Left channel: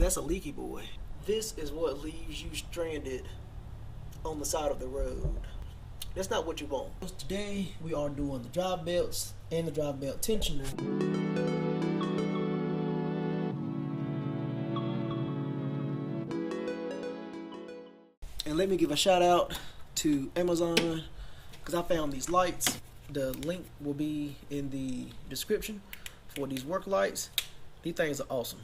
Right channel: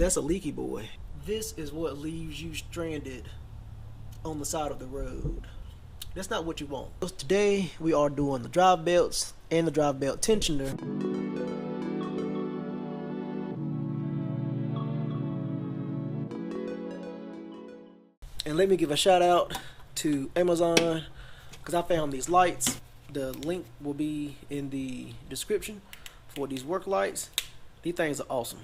That's a leaky boy. This is what leaves you stranded on the side of the road. That's not what you want. Today we are doing the drive belts and the drive belt tensioner. And let me give a shout out to Amazon because I found these lights. The link will be in the description for these work lights. These things are awesome.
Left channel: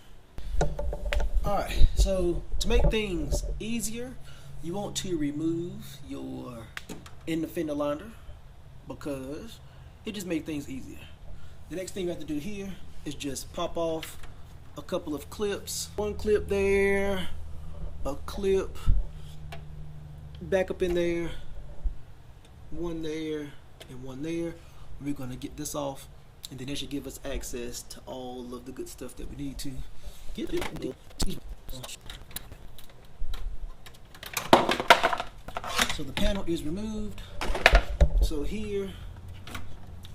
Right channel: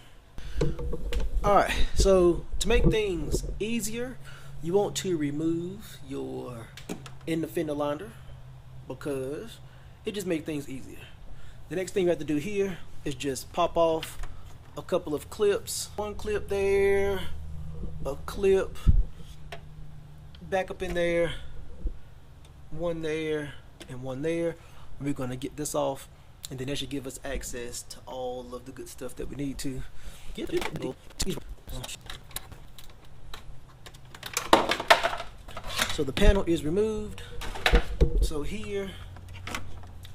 Alright, so to make things easier, you want to remove your in the fender liner because it just makes things easier. The next thing you have to do here is just pop off a couple of clips. One clip there, a clip back up in there, one there, and one there. We're going to get this off, and then that should give us access to all of the good stuff that we need to get it. So the panel is removed. So here,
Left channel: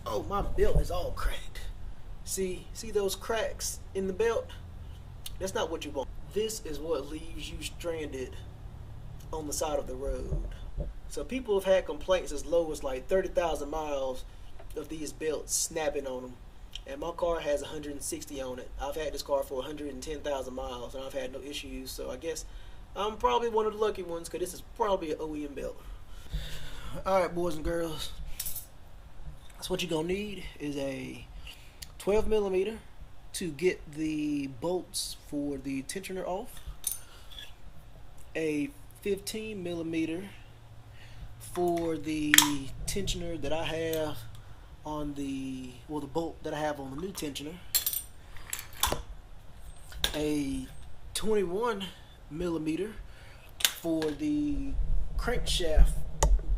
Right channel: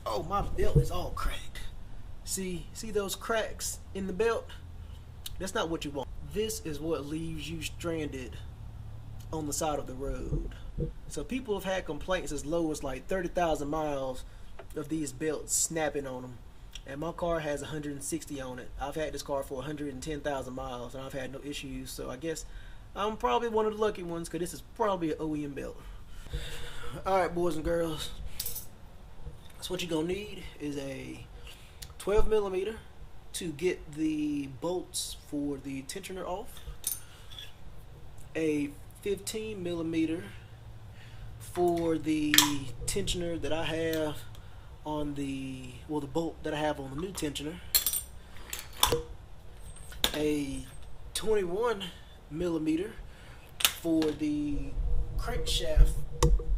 oh, my belt is all cracked. See those cracks in the belt? That's not what you want. This is what leaves you stranded on the side of the road. So people have had complaints as low as like 30,000 miles of these belts snapping on them. And my car has 160 on it. I've had this car for 110,000 miles and I've had no issues. So I guess I'm probably one of the lucky ones because this is probably an OEM belt. Alright, boys and girls. So what you're going to need is a 12 millimeter to get the bolts for the tensioner off. A 15 millimeter for the tensioner that I have on the bolt that I have on the new tensioner. A 21 millimeter for the crankshaft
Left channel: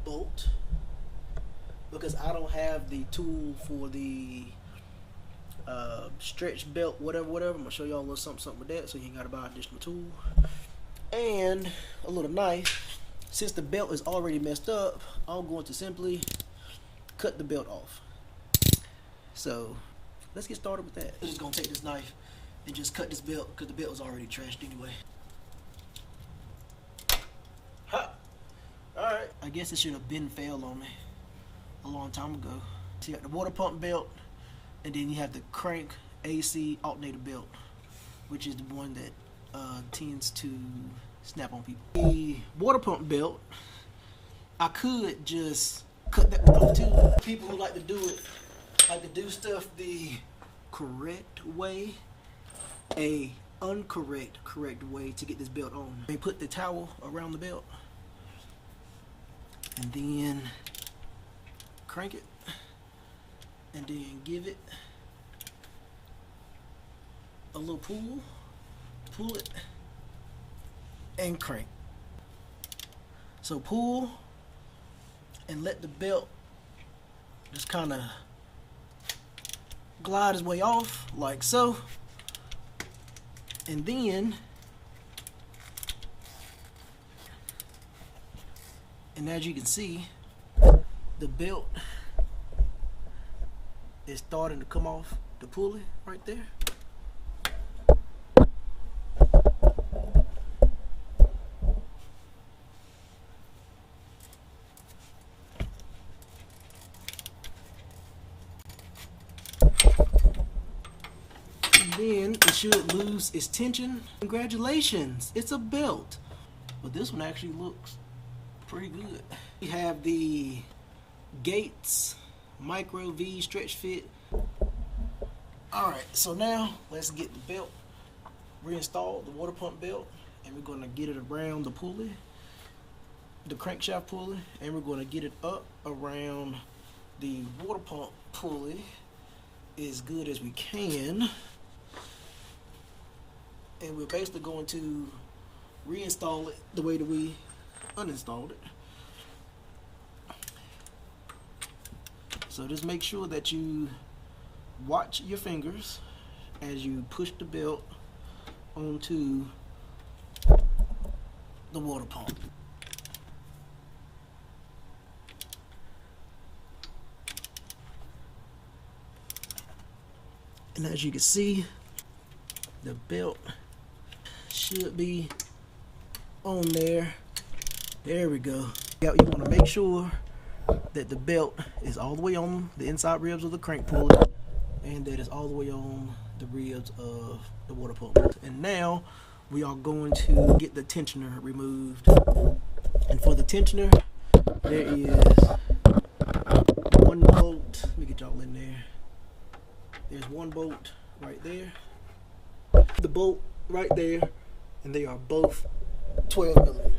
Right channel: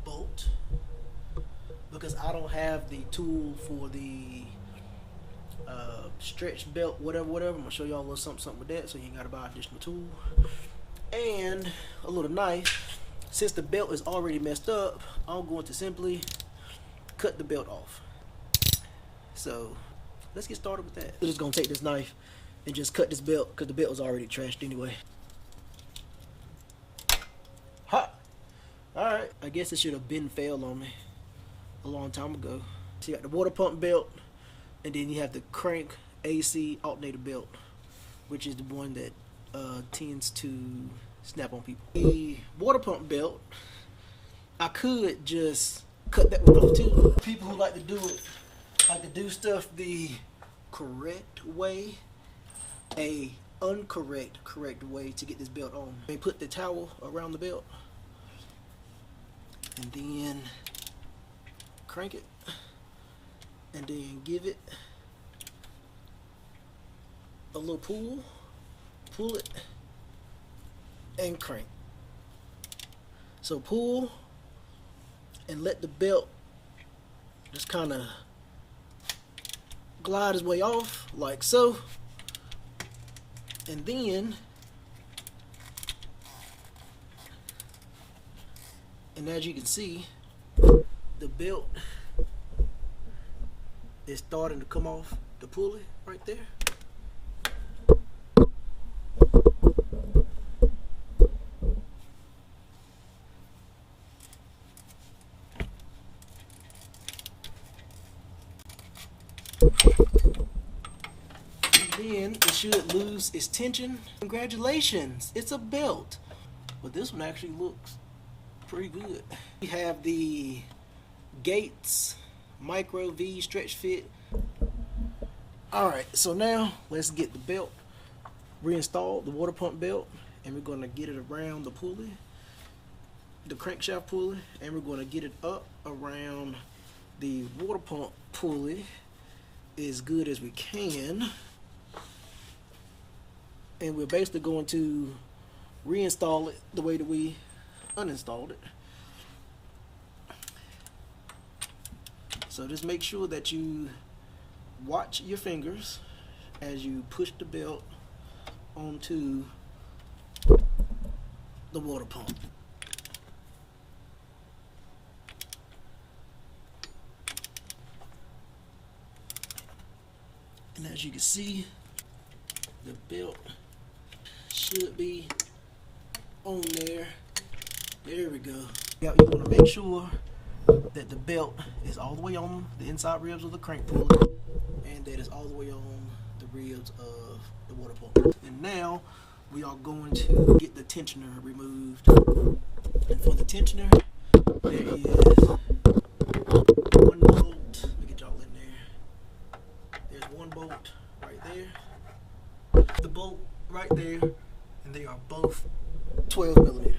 bolt because I don't have the tool for the stretch belt, whatever. I'm gonna show y'all a little something with that, so you ain't gotta buy additional tool. And a little knife. Since the belt is already messed up, I'm going to simply cut the belt off. So let's get started with that. I'm just gonna take this knife and just cut this belt because the belt was already trashed anyway. Ha! Alright. I guess it should have been failed on me a long time ago. So you got the water pump belt, and then you have the crank AC alternator belt, which is the one that tends to snap on people. The water pump belt, I could just cut that one off too. People who like to do it, like to do stuff the correct way, a correct way to get this belt on. They put the towel around the belt and then crank it and then give it a little pull it and crank. So pull and let the belt just kind of glide his way off like so, and then as you can see, the belt is starting to come off the pulley right there. Then it should lose its tension. Congratulations, it's a belt. But this one actually looks pretty good. We have the Gates Micro V stretch fit. Alright, so now let's get the belt reinstalled, the water pump belt, and we're going to get it around the pulley, the crankshaft pulley, and we're going to get it up around the water pump pulley as good as we can. And we're basically going to reinstall it the way that we uninstalled it. So just make sure that you watch your fingers as you push the belt onto the water pump. And as you can see, the belt should be on there. There we go. You want to make sure that the belt is all the way on the inside ribs of the crank pulley, and that it's all the way on the ribs of the water pump. And now we are going to get the tensioner removed. And for the tensioner, there is one bolt. Let me get y'all in there. There's one bolt right there, the bolt right there, and they are both 12 millimeters.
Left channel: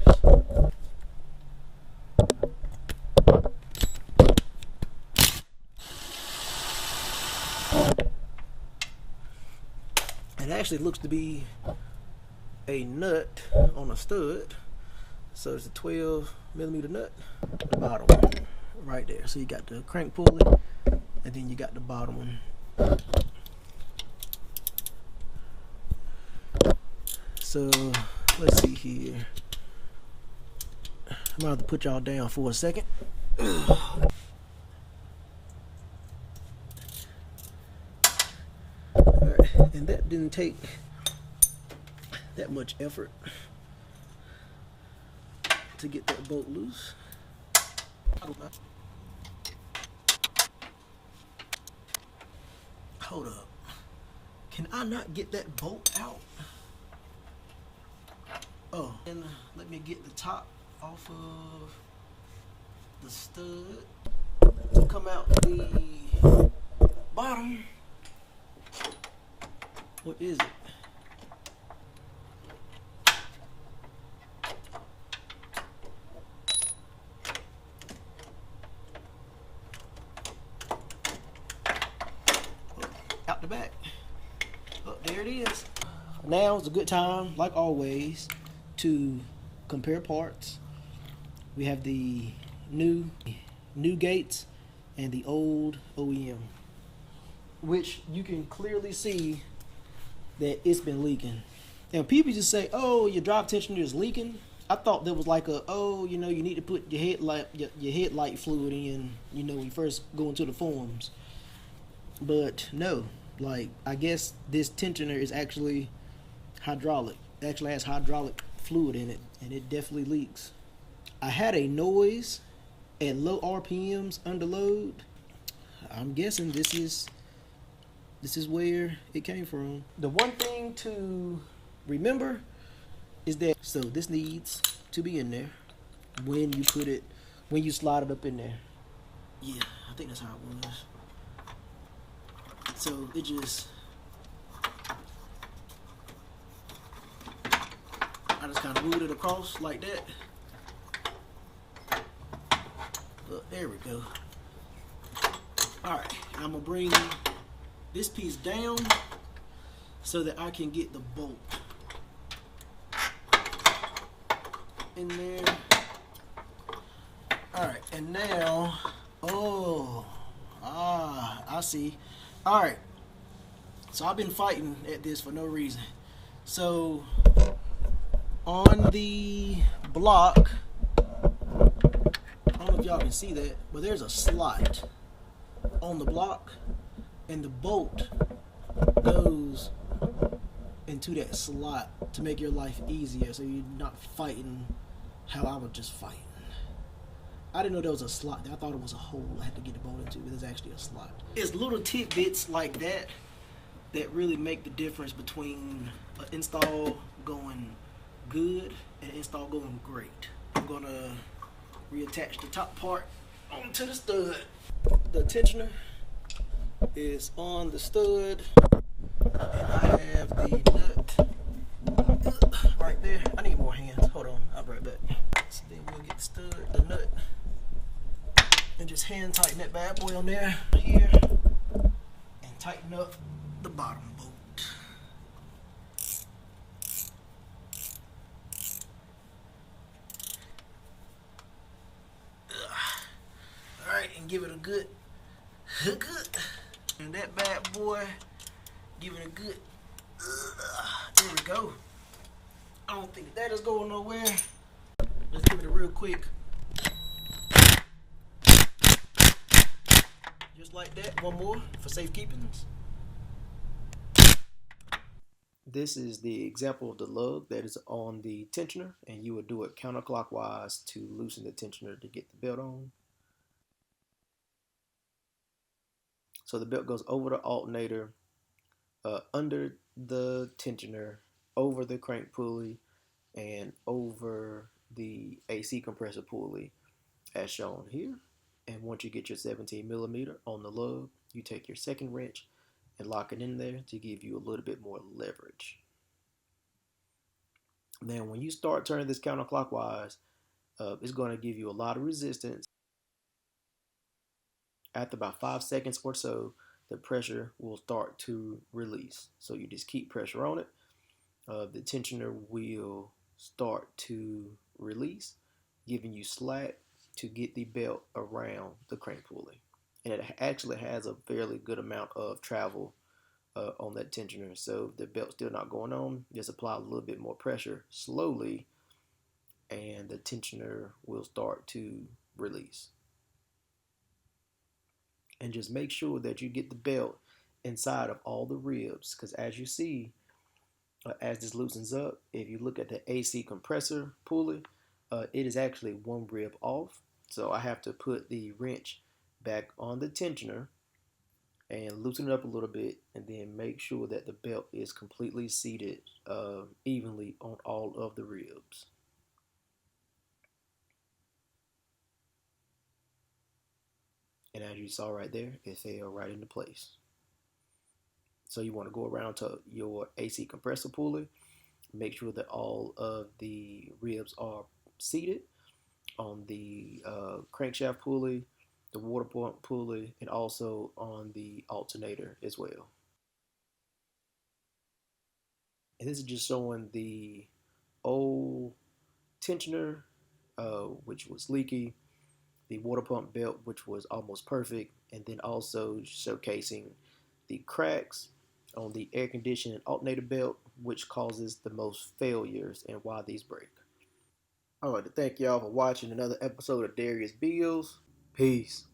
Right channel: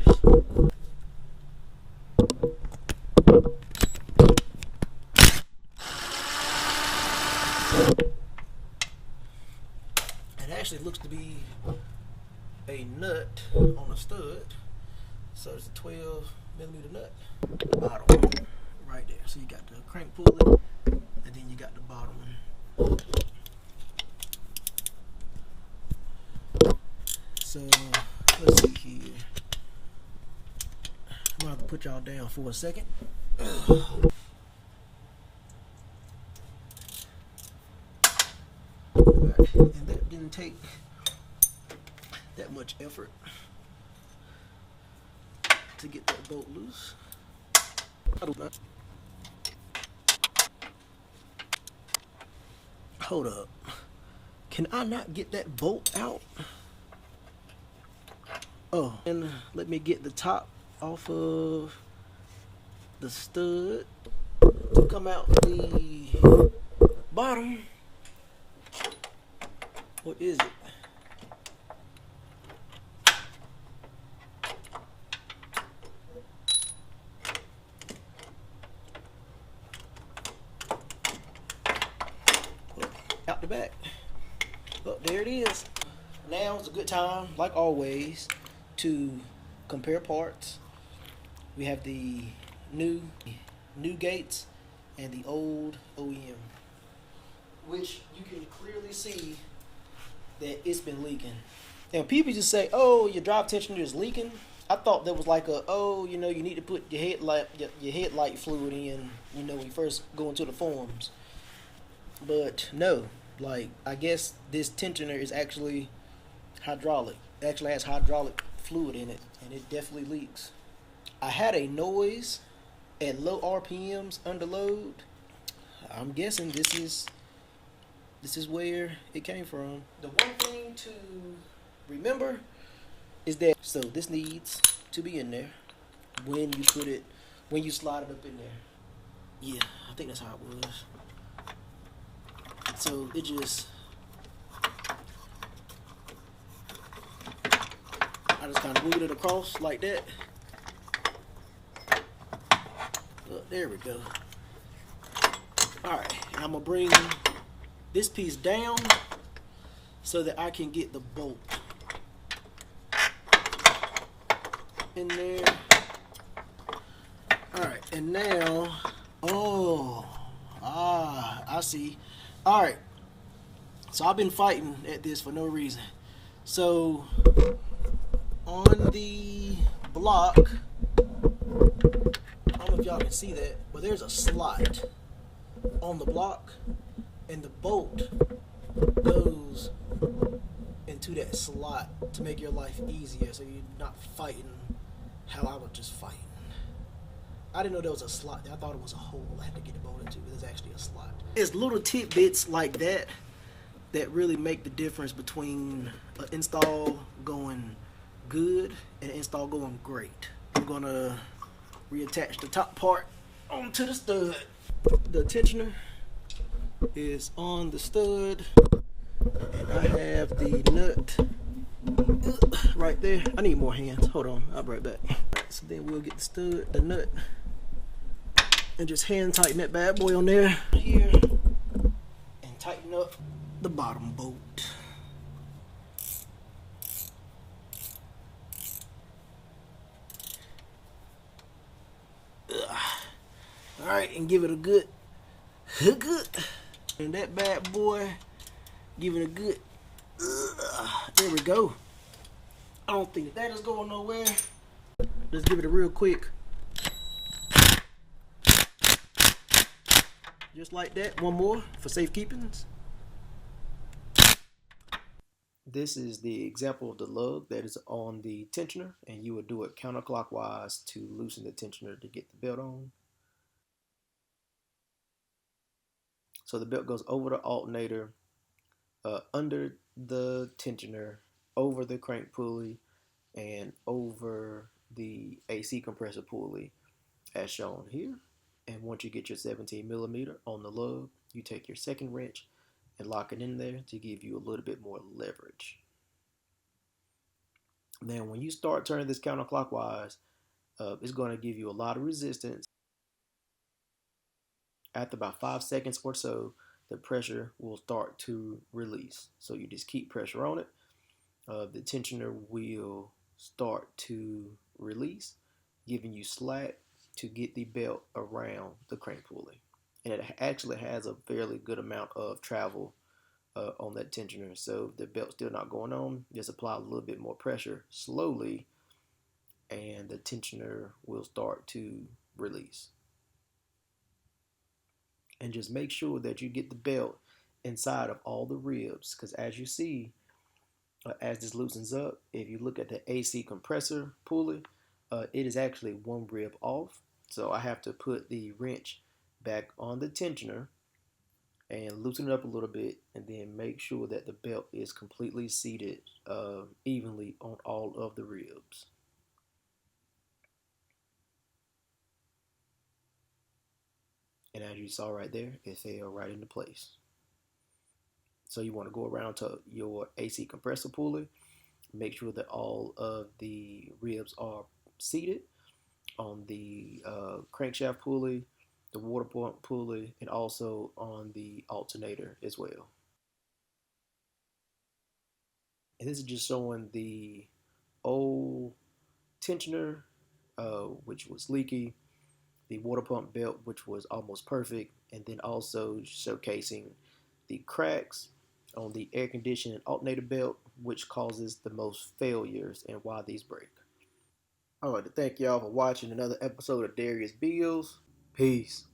It actually looks to be a nut on a stud, so it's a 12 millimeter nut. The bottom one right there. So you got the crank pulley, and then you got the bottom one. So let's see here. I'm gonna have to put y'all down for a second. Alright, and that didn't take that much effort to get that bolt loose. Hold up. Can I not get that bolt out? Oh, and let me get the top off of the stud to come out the bottom. What is it? Out the back. Oh, there it is. Now is a good time, like always, to compare parts. We have the new gates and the old OEM, which you can clearly see that it's been leaking. And people just say, oh, your drive tensioner is leaking. I thought that was like a, oh, you know, you need to put your headlight fluid in, you know, when you first go into the forums. But no, like, I guess this tensioner is actually hydraulic. It actually has hydraulic fluid in it, and it definitely leaks. I had a noise at low RPMs under load. I'm guessing this is where it came from. The one thing to remember is that, so this needs to be in there when you slide it up in there. Yeah, I think that's how it was. So it just, I just kind of moved it across like that. There we go. Alright, I'm going to bring this piece down so that I can get the bolt in there. Alright, and now, I see. Alright, so I've been fighting at this for no reason. So on the block, I don't know if y'all can see that, but there's a slot on the block, and the bolt goes into that slot to make your life easier, so you're not fighting how I was just fighting. I didn't know there was a slot there. I thought it was a hole I had to get the bolt into, but there's actually a slot. It's little tidbits like that that really make the difference between an install going good and an install going great. I'm gonna reattach the top part onto the stud. The tensioner is on the stud, and I have the nut right there. I need more hands. Hold on, I'll be right back. Right, so then we'll get the nut, and just hand tighten that bad boy on there here, and tighten up the bottom bolt. Alright, and give it a good hook up. And that bad boy, give it a good, there we go. I don't think that is going nowhere. Let's give it a real quick. Just like that, one more for safekeepings. This is the example of the lug that is on the tensioner, and you would do it counterclockwise to loosen the tensioner to get the belt on. So the belt goes over the alternator, under the tensioner, over the crank pulley, and over the AC compressor pulley as shown here. And once you get your 17 millimeter on the lug, you take your second wrench and lock it in there to give you a little bit more leverage. Now, when you start turning this counterclockwise, it's going to give you a lot of resistance. After about 5 seconds or so, the pressure will start to release. So you just keep pressure on it. The tensioner will start to release, giving you slack to get the belt around the crank pulley. And it actually has a fairly good amount of travel on that tensioner. So if the belt's still not going on, just apply a little bit more pressure slowly, and the tensioner will start to release. And just make sure that you get the belt inside of all the ribs, because as you see, as this loosens up, if you look at the AC compressor pulley, it is actually one rib off. So I have to put the wrench back on the tensioner and loosen it up a little bit, and then make sure that the belt is completely seated evenly on all of the ribs. And as you saw right there, it fell right into place. So you want to go around to your AC compressor pulley, make sure that all of the ribs are seated on the crankshaft pulley, the water pump pulley, and also on the alternator as well. And this is just showing the old tensioner, which was leaky, the water pump belt, which was almost perfect, and then also showcasing the cracks on the air conditioning alternator belt, which causes the most failures and why these break. I'd like to thank y'all for watching another episode of Darius Bills. Peace.